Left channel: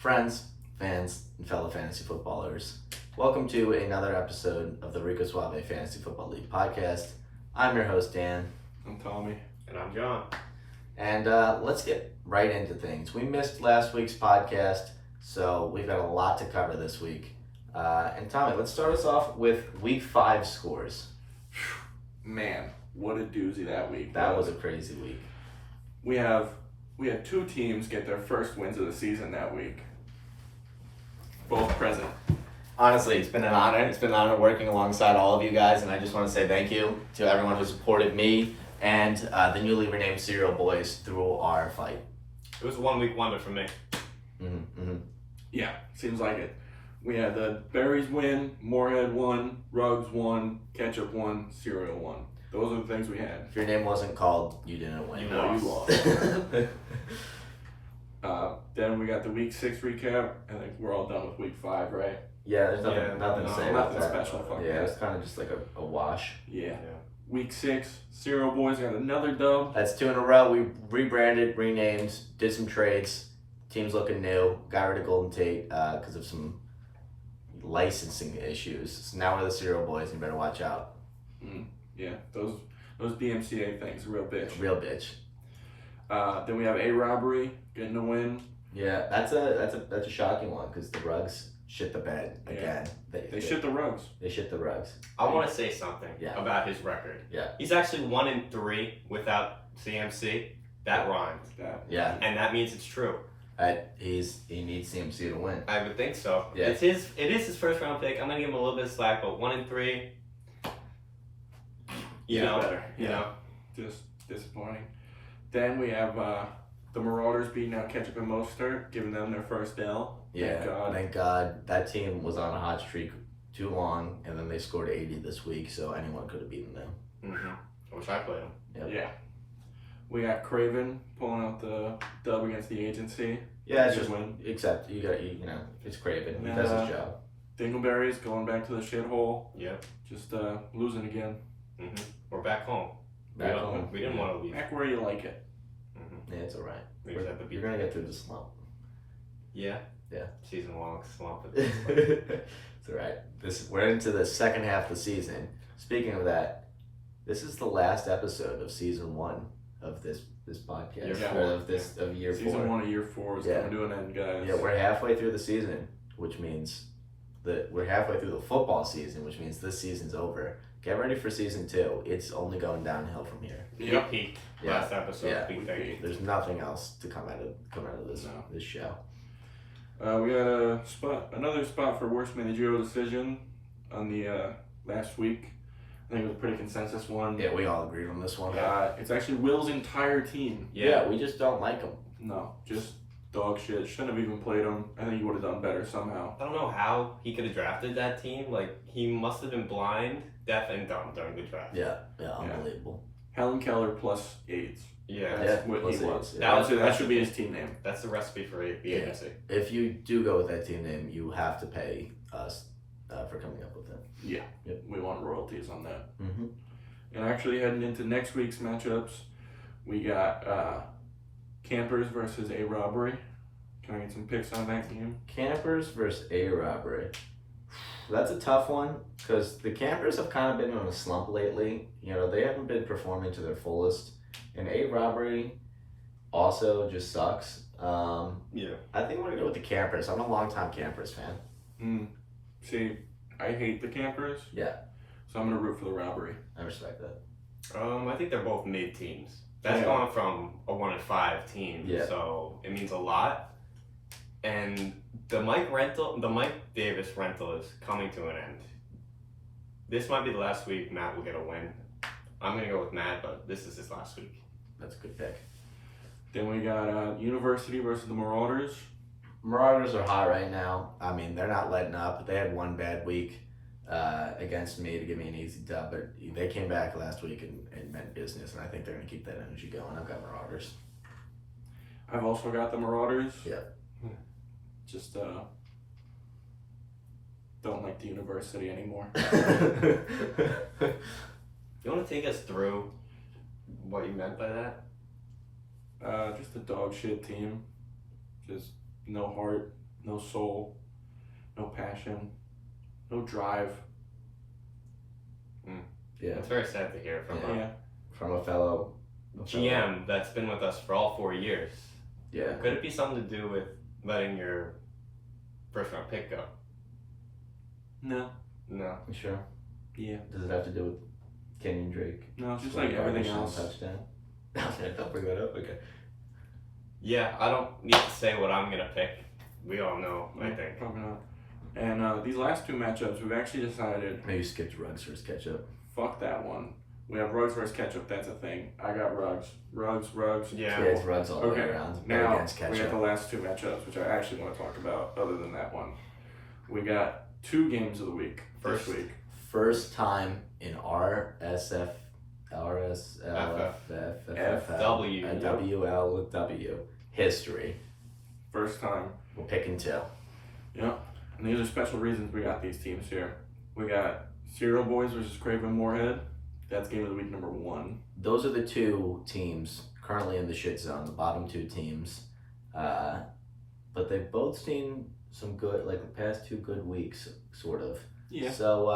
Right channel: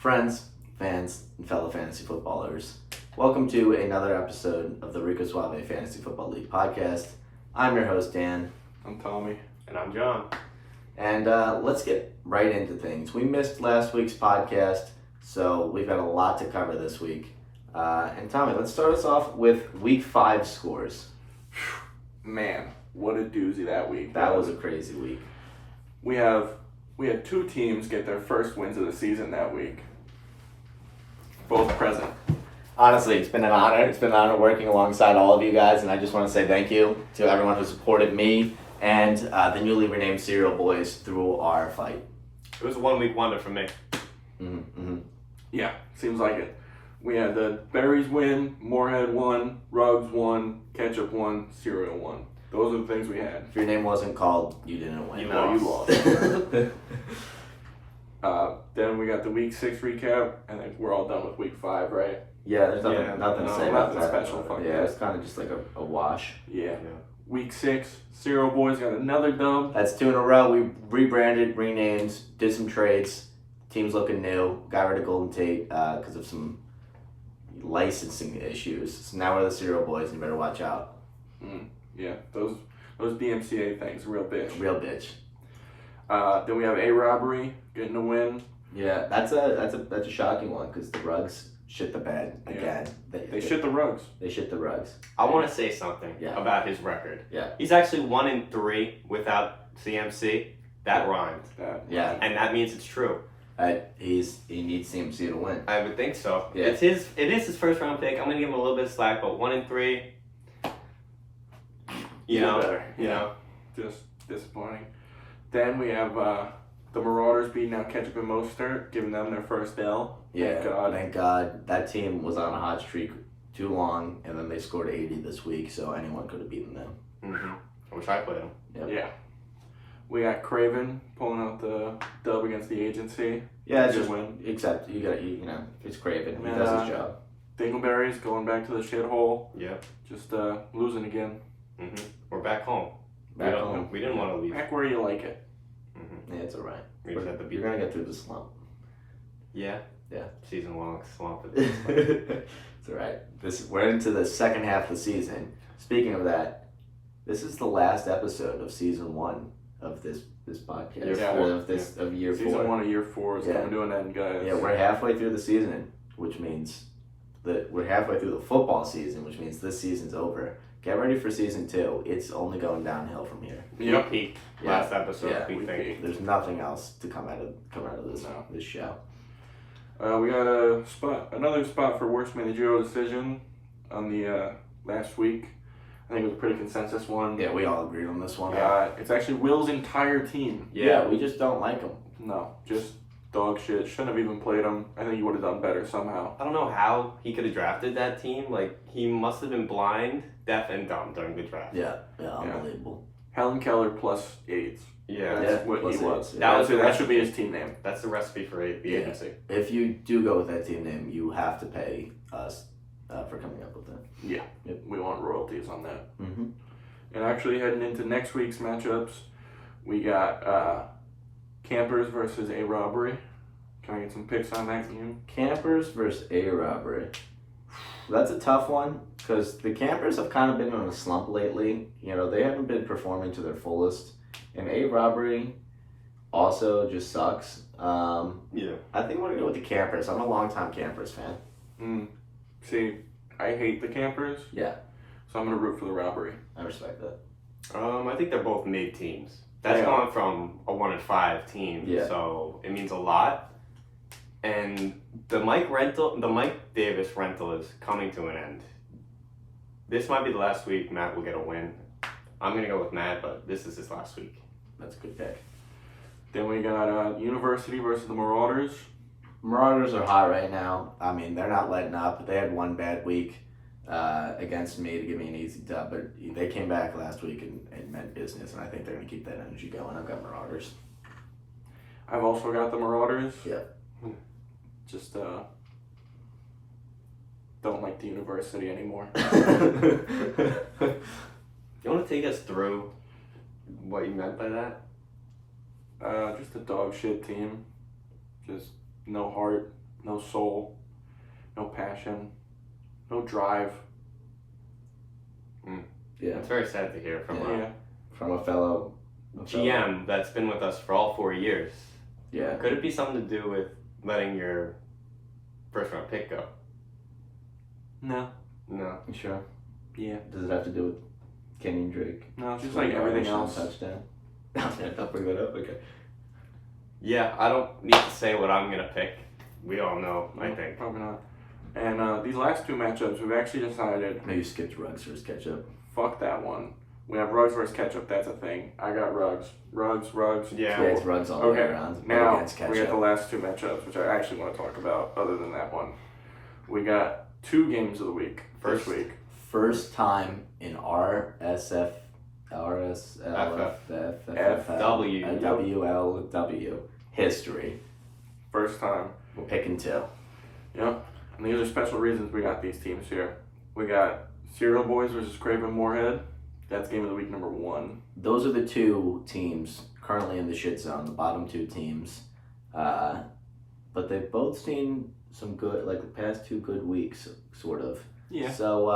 Friends, fans, and fellow fantasy footballers, welcome to another episode of the Rico Suave Fantasy Football League podcast. I'm your host, Dan. I'm Tommy. And I'm John. And let's get right into things. We missed last week's podcast, so we've got a lot to cover this week. And Tommy, let's start us off with Week 5 scores. Man, what a doozy that week. That was a crazy week. We had two teams get their first wins of the season that week. Both present. Honestly, it's been an honor. It's been an honor working alongside all of you guys, and I just want to say thank you to everyone who supported me and the newly renamed Cereal Boys through our fight. It was a 1 week wonder for me. Yeah, seems like it. We had the Berries win, Moorhead won, Ruggs won, Ketchup won, Cereal won. Those are the things we had. If your name wasn't called, you didn't win. You lost. Then we got the Week 6 recap, and then we're all done with Week 5, right? Yeah, there's nothing to say about nothing that. special. Fuck Yeah, that. it's kind of just like a wash. Yeah. Week 6, Cereal Boys got another dub. That's 2 in a row. We rebranded, renamed, did some trades. Team's looking new. Got rid of Golden Tate because of some licensing issues. So now we're the Cereal Boys, and you better watch out. Yeah, those DMCA things, real bitch. Real bitch. Then we have a robbery getting a win. Yeah, that's a shocking one because the Rugs shit the bed again. They shit the Rugs. They shit the Rugs. I want to say something about his record. Yeah. He's actually 1-3 without CMC. That rhymed. Yeah. And that means it's true. He needs CMC to win. I would think so. Yeah. It is his first round pick. I'm gonna give him a little bit of slack, but 1-3. You know, better. Just disappointing. Then we have the Marauders beating out Ketchup and Mostert, giving them their first L. Yeah, thank God. That team was on a hot streak too long, and then they scored 80 this week, so anyone could have beaten them. I wish I played him. Yep. Yeah. We got Craven pulling out the dub against the agency. Yeah, it's Good just win. except you got it's Craven. He And, does his job. Dingleberries going back to the shithole. Yeah. Just losing again. We're back home. Back home. We didn't want to leave. Back where you like it. Yeah, it's all right. We just had to You're gonna get through the slump. Yeah. Yeah. Season 1 looks slump. It's all right. We're into the second half of the season. Speaking of that, this is the last episode of season 1 of this podcast. Of year 4. Season 1 of year 4 is coming to an end, guys. Yeah, we're halfway through the season, which means that we're halfway through the football season, which means this season's over. Get ready for season 2. It's only going downhill from here. Yep. We peaked Yeah. last episode. Yeah. We think. There's nothing else to come out of this show. We got another spot for worst managerial decision on the last week. I think it was a pretty consensus one. Yeah, we all agreed on this one. It's actually Will's entire team. Yeah, we just don't like him. No, just dog shit. Shouldn't have even played him. I think he would have done better somehow. I don't know how he could have drafted that team. Like, he must have been blind, deaf, and dumb during the draft. Yeah, unbelievable. Helen Keller plus AIDS. Yeah. That's what plus he was. AIDS, That should be his team name. That's the recipe for the agency. If you do go with that team name, you have to pay us for coming up with it. Yeah. Yep. We want royalties on that. Mm-hmm. And actually heading into next week's matchups, we got Campers versus A Robbery. Can I get some picks on that game? Campers versus A Robbery. That's a tough one because the Campers have kind of been on a slump lately. You know, they haven't been performing to their fullest. And A Robbery also just sucks. Yeah. I think I'm going to go with the Campers. I'm a longtime Campers fan. See, I hate the Campers. Yeah. So I'm going to root for the Robbery. I respect that. I think they're both mid teams. That's going from a 1-5 team. Yeah. So it means a lot. And the Mike Davis rental is coming to an end. This might be the last week Matt will get a win. I'm going to go with Matt, but this is his last week. That's a good pick. Then we got University versus the Marauders. Marauders are hot right now. I mean, they're not letting up. They had one bad week against me to give me an easy dub, but they came back last week and meant business, and I think they're going to keep that energy going. I've got Marauders. I've also got the Marauders. Yeah. Just don't like the University anymore. You want to take us through what you meant by that? Just a dog shit team. Just no heart. no soul, no passion, no drive. Yeah. It's very sad to hear from From a fellow GM that's been with us for all 4 years. Yeah. Could it be something to do with letting your first round pick go? No. No. You sure? Yeah. Does it have to do with Kenyon Drake? No, it's just like everything else. Touchdown. I'll bring that up. Okay. Yeah, I don't need to say what I'm going to pick. We all know, I think. Probably not. And these last two matchups, we've actually decided, Maybe skipped Ruggs versus Ketchup. fuck that one. We have Ruggs versus Ketchup, that's a thing. I got Ruggs. Ruggs. Yeah. Yeah, it's Ruggs all the way around. Now, Against we got Ketchup. the last two matchups, which I actually want to talk about other than that one. We got 2 games of the week this week. First time in WLW history. First time. We're picking 2. Yep. And these are special reasons we got these teams here. We got Cereal Boys versus Craven Moorhead. That's game of the week number 1. Those are the 2 teams currently in the shit zone, the bottom 2 teams. But they've both seen some good, like the past 2 good weeks, sort of. Yeah. So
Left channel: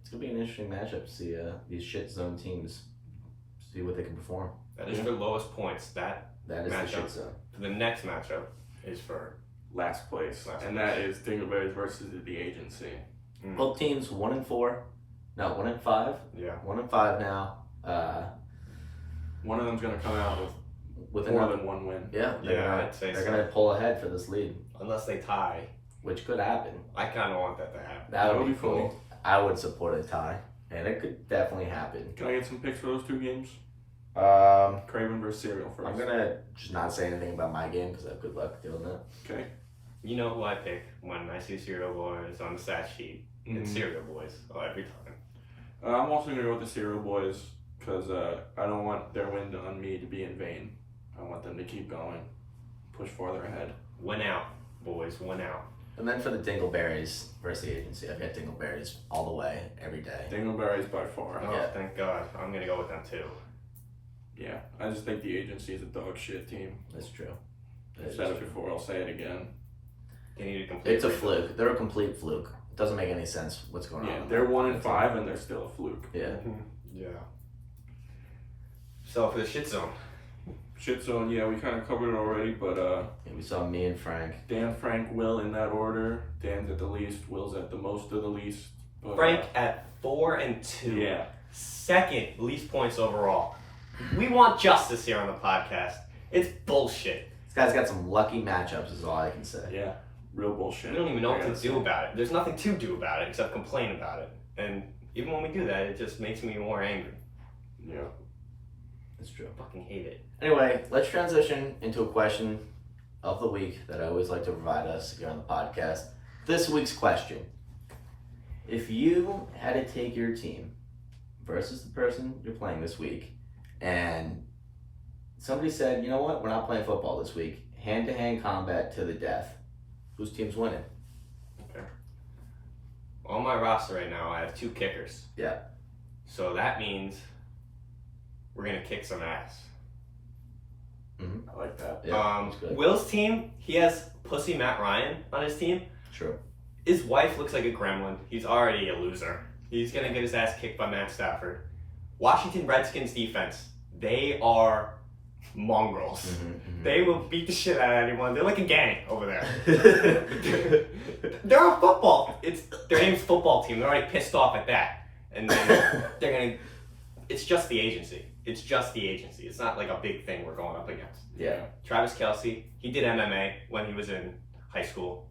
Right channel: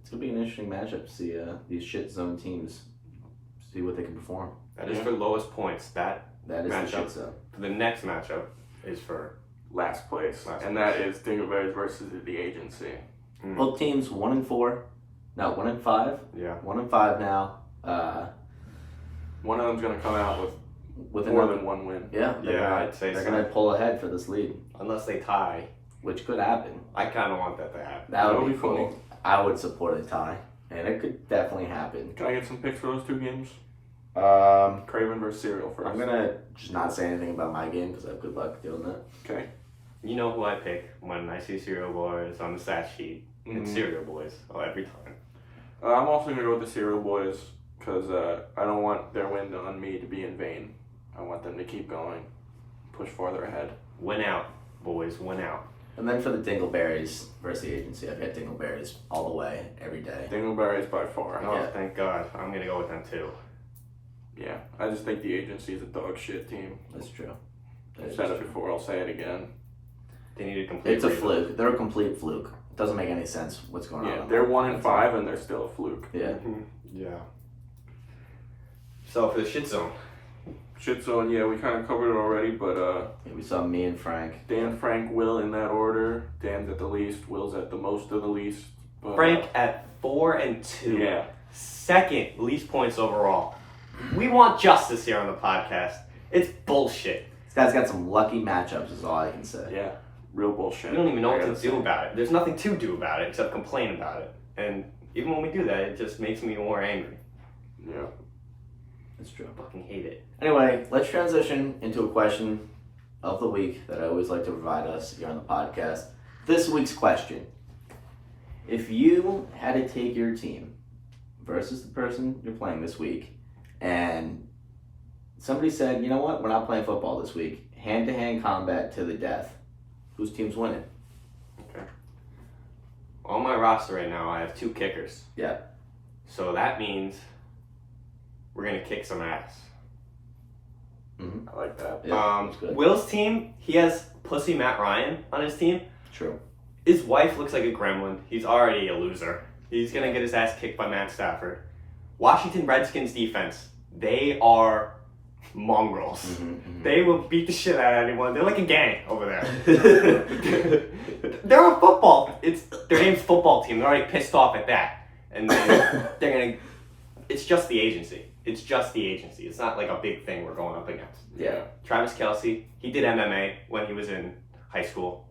it's going to be an interesting matchup to see these shit zone teams, see what they can perform. That is for lowest points. That That is the matchup. shit zone. For the next matchup is for Last place. And that is Dingleberries versus the Agency. Both teams 1-4. No, 1-5. Yeah. 1-5 now. One of them's going to come out with more than 1 win. Yeah, I'd say they're so. going to pull ahead for this lead, Unless they tie. which could happen. I kind of want that to happen. That would be funny. cool. I would support a tie, and it could definitely happen. Can I get some picks for those 2 games? Craven versus Cereal first. I'm gonna just not say anything about my game because I have good luck doing that. Okay. You know who I pick when I see Cereal Boys on the stat sheet. It's Cereal Boys. Oh, every time. I'm also going to go with the Cereal Boys because I don't want their win on me to be in vain. I want them to keep going, push farther ahead. Win out, boys. Win out. And then for the Dingleberries versus the Agency, I've got Dingleberries all the way, every day. Dingleberries by far. Oh, Yeah. thank God. I'm going to go with them too. Yeah, I just think the Agency is a dog shit team. That's true. That I've is said it true. before, I'll say it again. They need a complete It's a rebuild. fluke. They're a complete fluke. It doesn't make any sense what's going Yeah, on. they're 1-5 and they're still a fluke. Yeah. Yeah. So for the shit zone. Shit zone, yeah, we kind of covered it already, but Yeah, we saw me and Frank. Dan, Frank, Will in that order. Dan's at the least, Will's at the most of the least. But, Frank at 4-2. Yeah. Second least points overall. We want justice here on the podcast. It's bullshit. This guy's got some lucky matchups, is all I can say. Yeah, real bullshit. We don't even know I what to gotta do say. about it. There's nothing to do about it except complain about it. And even when we do that, it just makes me more angry. Yeah. That's true. I fucking hate it. Anyway, let's transition into a question of the week that I always like to provide us here on the podcast. This week's question. If you had to take your team versus the person you're playing this week, and somebody said, you know what, we're not playing football this week, hand-to-hand combat to the death, whose team's winning? Okay. On my roster right now, I have 2 kickers. Yeah. So that means we're going to kick some ass. I like that. Yeah, that's good. Will's team, he has Pussy Matt Ryan on his team. True. His wife looks like a gremlin. He's already a loser. He's going to get his ass kicked by Matt Stafford. Washington Redskins defense, they are mongrels. They will beat the shit out of anyone. They're like a gang over there. They're a football. It's their name's football team. They're already pissed off at that. And then they're going to... It's just the agency. It's just the agency. It's not like a big thing we're going up against. Yeah. Travis Kelce, he did MMA when he was in high school.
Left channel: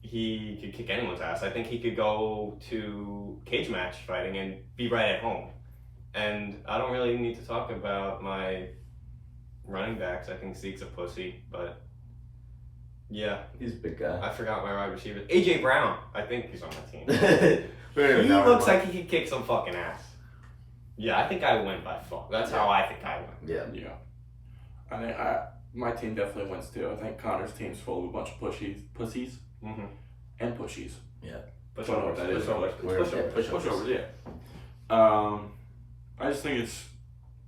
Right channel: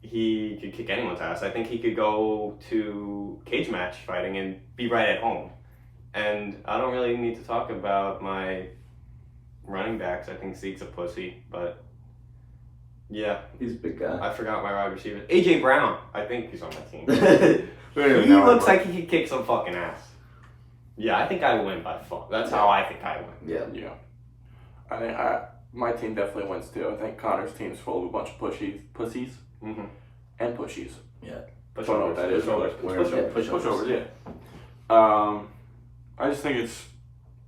He could kick anyone's ass. I think he could go to cage match fighting and be right at home. And I don't really need to talk about my running backs. I think Zeke's a pussy, but yeah. He's a big guy. I forgot my wide receiver. AJ Brown, I think he's on my team. We don't even He know looks anymore. like he could kick some fucking ass. Yeah, I think I win by fuck. That's how I think I win. Yeah. Yeah. I think my team definitely wins too. I think Connor's team's full of a bunch of pussies Mm-hmm. and pushies. Pushovers. Don't know what that is. Pushovers. Where- It's pushovers. Pushovers, yeah. I just think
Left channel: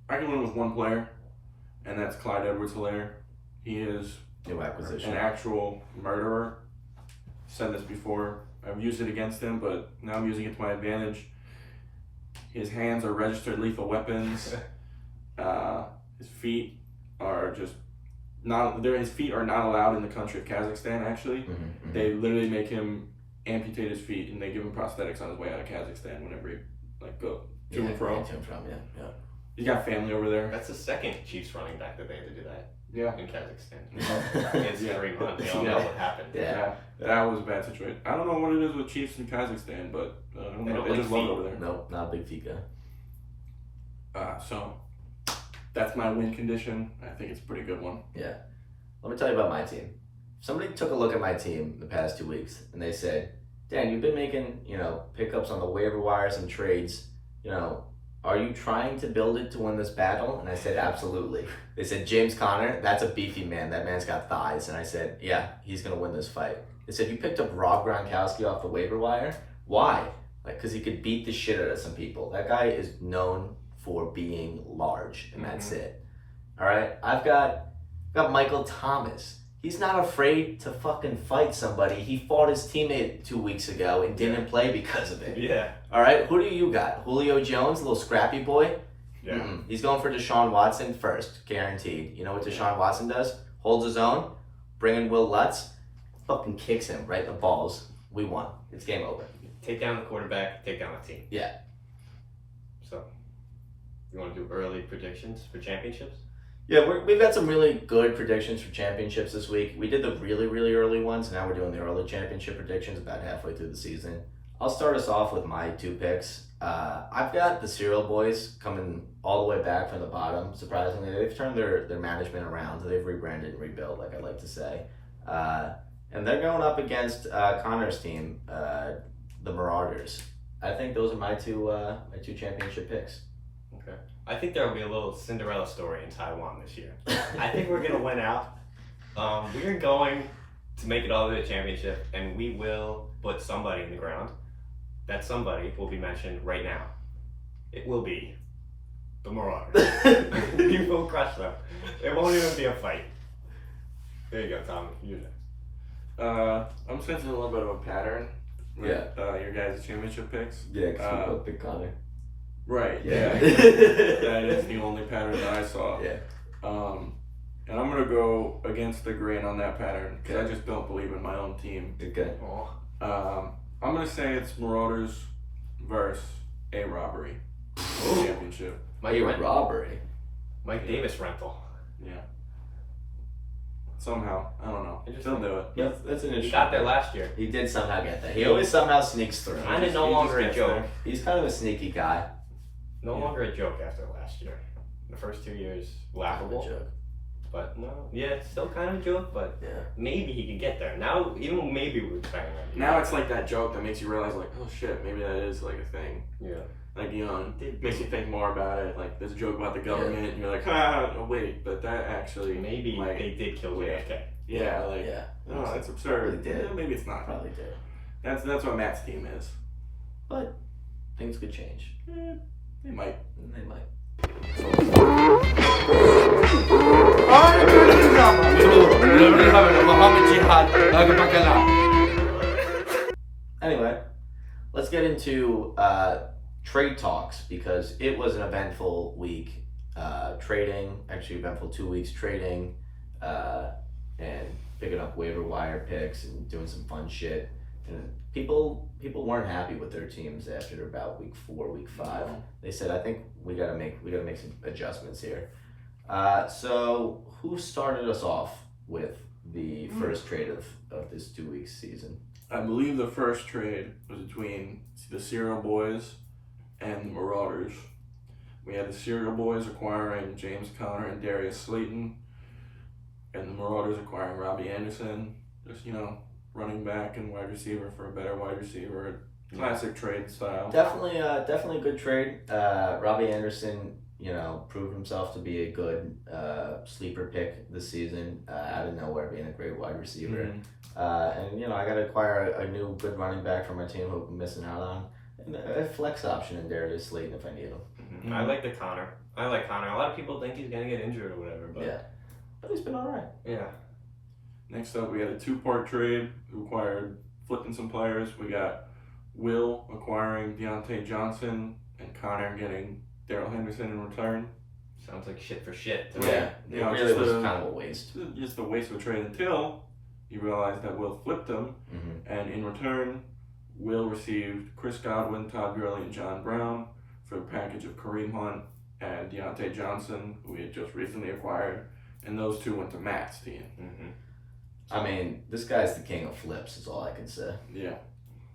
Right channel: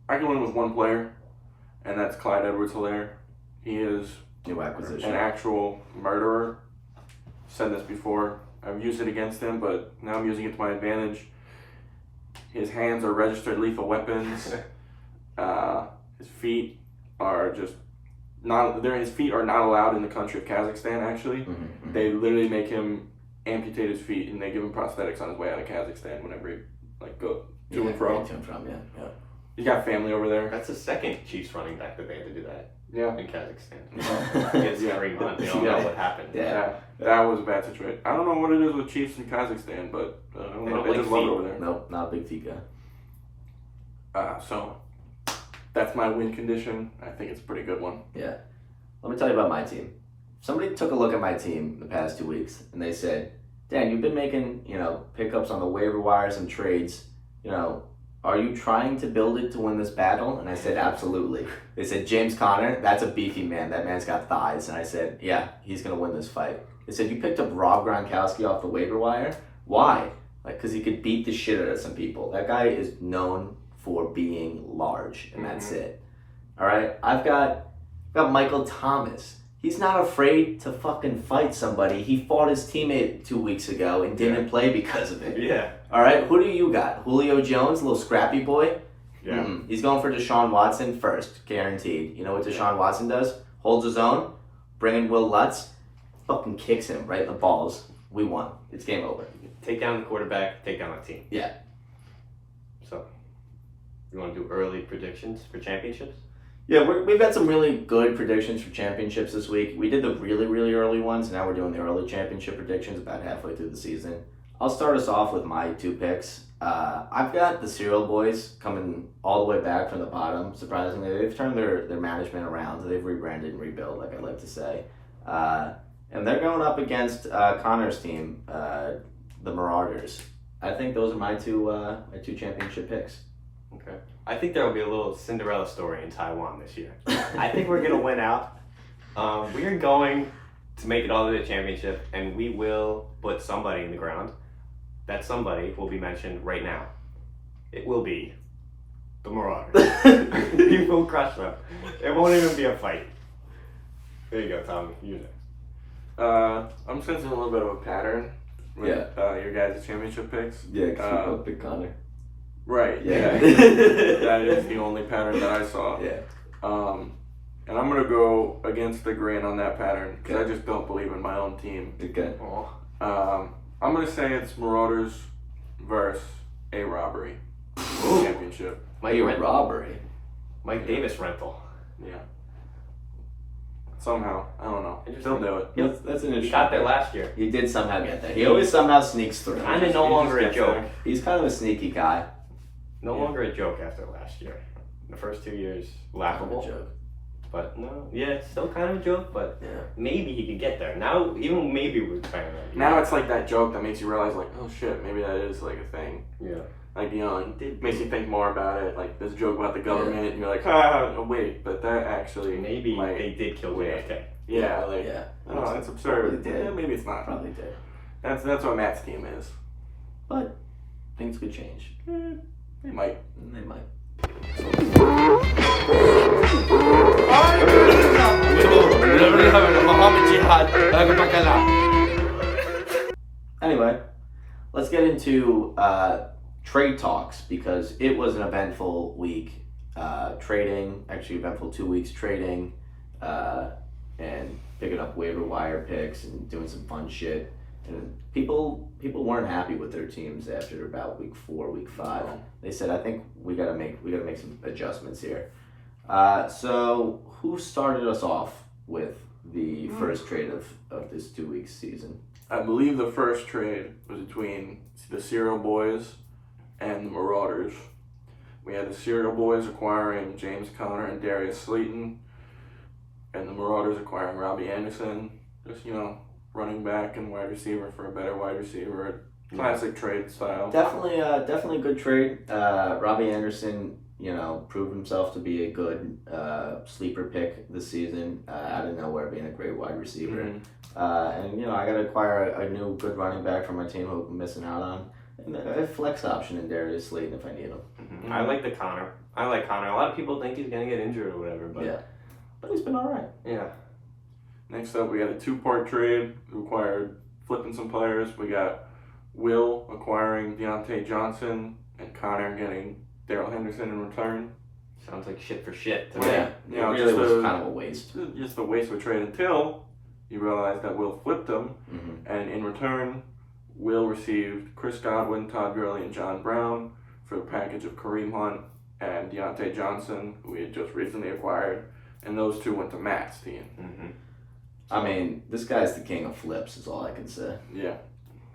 I can win with one player, and that's Clyde Edwards-Helaire. He is New acquisition. An actual murderer. Said this before. I've used it against him, but now I'm using it to my advantage. His hands are registered lethal weapons. His feet are just not. His feet are not allowed in the country of Kazakhstan. Actually, they literally make him amputate his feet, and they give him prosthetics on his way out of Kazakhstan whenever he go to and from. To and from, yeah. He's got family over there. That's the second Chiefs running back that they had to do that. Yeah. In Kazakhstan. Against Kareem Hunt. You don't know what happened. Yeah. That was a bad situation. I don't know what it is with Chiefs in Kazakhstan, but I don't know. They just love it over there. Nope, not a big feet guy. So that's my win condition. I think it's a pretty good one. Yeah. Let me tell you about my team. Somebody took a look at my team the past 2 weeks, and they said, Dan, you've been making, pickups on the waiver wires and trades. Are you trying to build it to win this battle? And I said, absolutely. They said, James Conner, that's a beefy man. That man's got thighs. And I said, yeah, he's going to win this fight. They said, you picked up Rob Gronkowski off the waiver wire? Why? Because he could beat the shit out of some people. That guy is known for being large, and that's it. All right? I've got Michael Thomas. He's not afraid to fucking fight somebody. He fought his teammate 2 weeks ago and didn't play because of it. Yeah. All right, who do you got? Julio Jones, a little scrappy boy? Yeah. He's going for Deshaun Watson first, guaranteed. You know what Deshaun Watson does? Holds his own, bring in Will Lutz, fucking kicks him right in the balls. We won. It's game over. Take down the quarterback, take down the team. Yeah. So, you want to do early predictions for championships? Yeah, we've got some really good predictions for championships this week. We did the really, really early ones. Now we're doing the early championship predictions about halfway through the season. I'll start us off with my 2 picks. I've got the Cereal Boys coming all the way back from the bottom. Surprisingly, they've turned their management around. They've rebranded and rebuilt, like I like to say. And they're going up against Connor's team, the Marauders. I think those are my two championship picks. Okay. I think there will be a little Cinderella story in Taiwan this year. I think we're going to win out. We're going to make it all to the championship, and we will put somebody in the ground. That somebody will be mentioned right now. It will be the Marauders. We will crush them. It won't even be a fight. There you go, Tom. You know. I'm sensing a little bit of a pattern with your guys' championship picks. Yeah, because we both picked Connor. Right, yeah. That is the only pattern that I saw. Yeah. And I'm going to go against the grain on that pattern because I just don't believe in my own team. Okay. I'm going to say it's Marauders versus a robbery championship. Robbery? Mike Davis rental. Yeah. Somehow. I don't know. Still do it. That's an interesting. He got there last year. He did somehow get there. He always somehow sneaks through. Kind of no longer a joke. He's kind of a sneaky guy. No longer a joke after last year. The first 2 years, laughable. Joke. But no, still kind of a joke, but maybe he could get there. Now, even maybe we're trying that. Now it's like that joke that makes you realize, like, oh shit, maybe that is like a thing. Yeah. Like, it makes you think more about it. Like, there's a joke about the government, and you're like, wait, but that actually maybe they did kill JFK. Yeah, like, oh, that's absurd. Did. Maybe it's not. Probably did. That's what Matt's team is. But things could change. They might. They might. Anyway, let's get into trade talks because it was an eventful week. Eventful 2 weeks trading and picking up waiver wire picks and doing some fun shit. And people weren't happy with their teams after about week 4, week 5. They said, I think we gotta make some adjustments here. So who started us off with the first trade of this 2 week season? I believe the first trade was between the Cereal Boys and the Marauders. We had the Cereal Boys acquiring James Conner and Darius Slayton, and the Marauders acquiring Robbie Anderson. Just, running back and wide receiver for a better wide receiver. Classic trade style. Definitely a good trade. Robbie Anderson, proved himself to be a good sleeper pick this season, out of nowhere, being a great wide receiver. And I got to acquire a new good running back for my team who I'm missing out on. And a flex option in Darius Slayton if I need him. I like Connor. A lot of people think he's going to get injured or whatever, but but he's been all right. Yeah. Next up, we got a 2-part trade. Required flipping some players. We got Will acquiring Deontay Johnson and Connor getting Darrell Henderson in return. Sounds like shit for shit to me. Yeah, You know, it really just was kind of a waste. Just a waste of a trade until you realize that Will flipped them, and in return, Will received Chris Godwin, Todd Gurley, and John Brown for a package of Kareem Hunt and Deontay Johnson, who we had just recently acquired, and those two went to Matt's team. I mean, this guy's the king of flips, is all I can say. Yeah.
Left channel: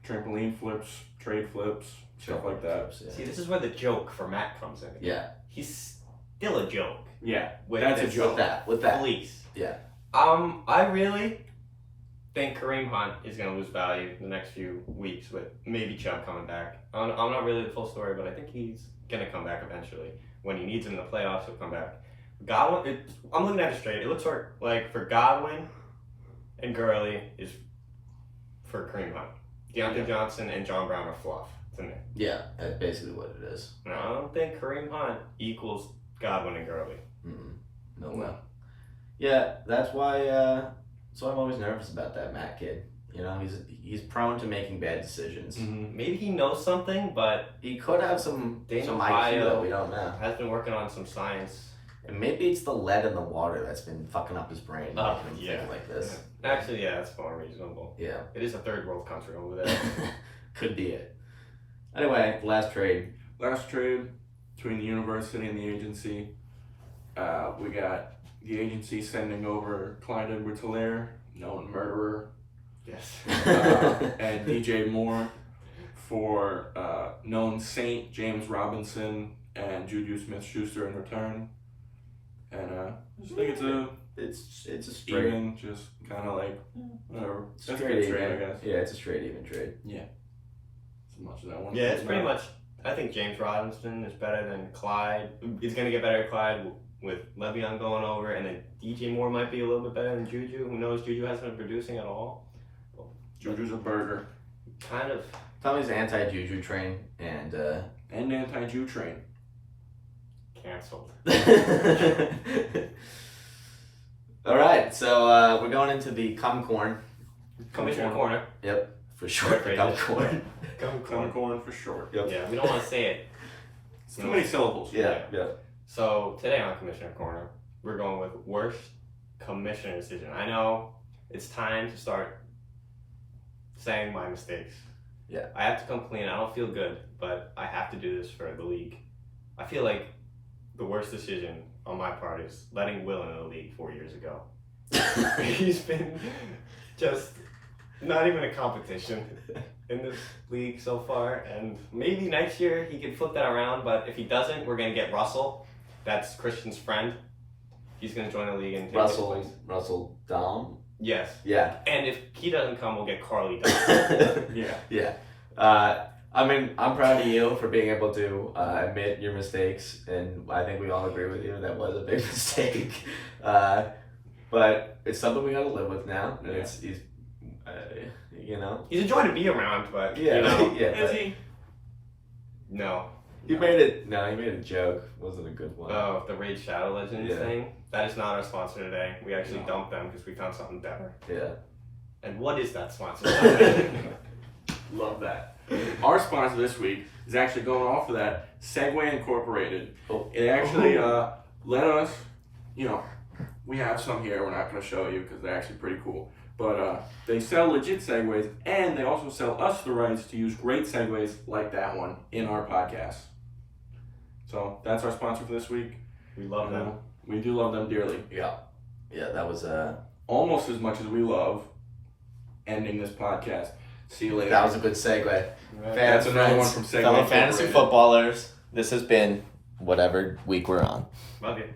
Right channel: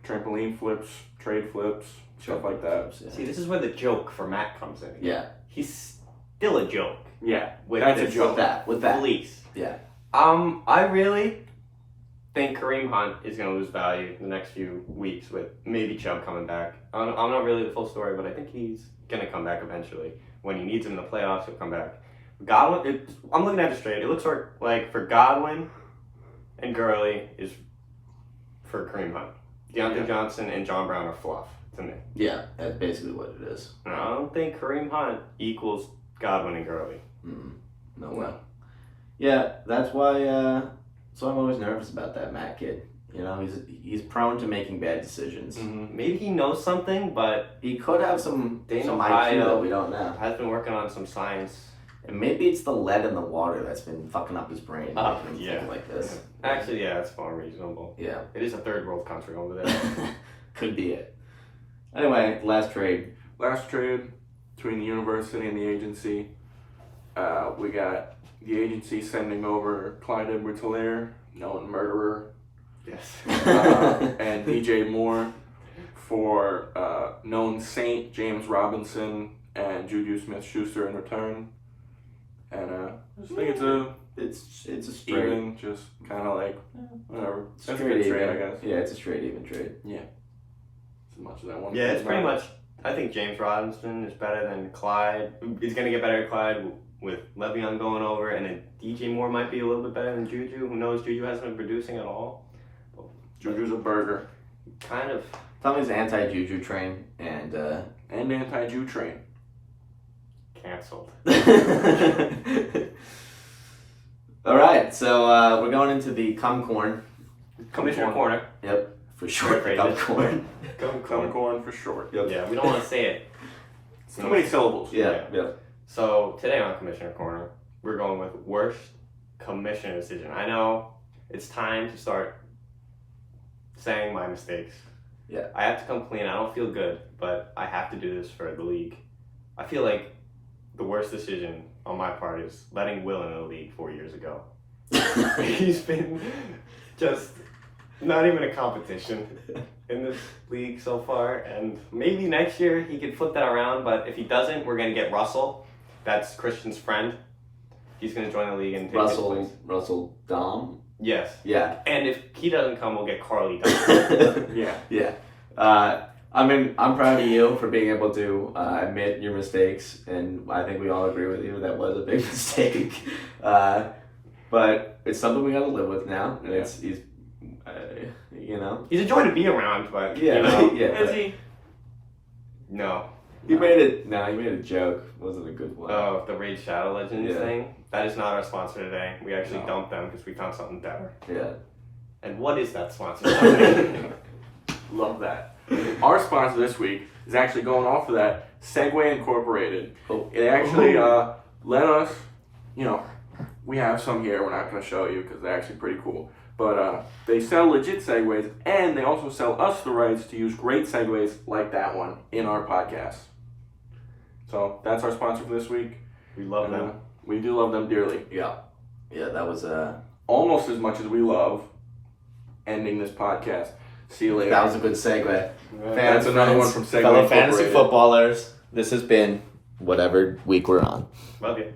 Trampoline flips, trade flips, stuff like that. Flips, yeah. See, this is where the joke for Matt comes in. Yeah. He's still a joke. Yeah, With that's a this joke. With that. Police. Yeah. I really think Kareem Hunt is going to lose value the next few weeks with maybe Chubb coming back. I'm not really the full story, but I think he's going to come back eventually. When he needs him in the playoffs, he'll come back. Godwin, I'm looking at it straight. It looks like for Godwin and Gurley is for Kareem Hunt. Deontay Johnson and John Brown are fluff to me. Yeah, that's basically what it is. No, I don't think Kareem Hunt equals Godwin and Gurley. No way. Yeah, that's why. So I'm always nervous about that Matt kid. You know, he's prone to making bad decisions. Maybe he knows something, but He could have some Daniel IQ that we don't know. has been working on some science. And maybe it's the lead in the water that's been fucking up his brain, Oh, making him yeah. think like this. Actually, yeah, that's more reasonable. Yeah. It is a third world country over there. Could be it. Anyway, last trade. Last trade between the university and the agency. We got the agency sending over Clyde Edwards-Helaire, known murderer, Yes. and DJ Moore for known saint James Robinson and Juju Smith-Schuster in return. And I just think it's a straight even, just kind of like, whatever. That's a straight good even. trade, I guess. Yeah, it's a straight even trade. As much as I want to Yeah, think it's pretty about much. I think James Robinson is better than Clyde. He's going to get better at Clyde with Le'Veon going over, and then DJ Moore might be a little bit better than Juju. Who knows? Juju hasn't been producing at all. Juju's a burger. Kind of. Tommy's anti-Juju train and And anti-Jew train. Canceled. All right, so we're going into the cum corn. Commissioner Corner. Yep, for short. Great Cum phrase. corn. Cum corn for short. Yep. Yeah, we don't want to say it. It's too many syllables. Yeah. So today on Commissioner Corner, we're going with worst commissioner decision. I know it's time to start saying my mistakes. Yeah. I have to come clean. I don't feel good, but I have to do this for the league. I feel like the worst decision on my part is letting Will in the league 4 years ago. He's been just not even a competition in this league so far, and maybe next year he could flip that around, but if he doesn't, we're going to get Russell. That's Christian's friend. He's going to join the league and take his place. Russell Dom. Yes. Yeah. And if he doesn't come, we'll get Carly Dom. Yeah. Yeah. I mean, I'm proud of you for being able to admit your mistakes, and I think we all agree with you that was a big mistake. But it's something we got to live with now. And Yeah. he's you know. He's a joy to be around, but Yeah. you know, Yeah. Is but he? no. he made it. No, he made a joke. Wasn't a good one. Oh, the Raid Shadow Legends Yeah. thing. That is not our sponsor today. We actually No. dumped them because we found something better. Yeah. And what is that sponsor? Love that. Our sponsor this week is actually going off of that, Segway Incorporated. Oh. It actually let us, you know, we have some here. We're not going to show you because they're actually pretty cool. But they sell legit Segways, and they also sell us the rights to use great Segways like that one in our podcast. So that's our sponsor for this week. We love And, them. We do love them dearly. Yeah. Yeah. That was Almost as much as we love ending this podcast. See you later. that was a good segue. That's another one from Segway Fellow fantasy Incorporated. footballers. This has been whatever week we're on. Love you.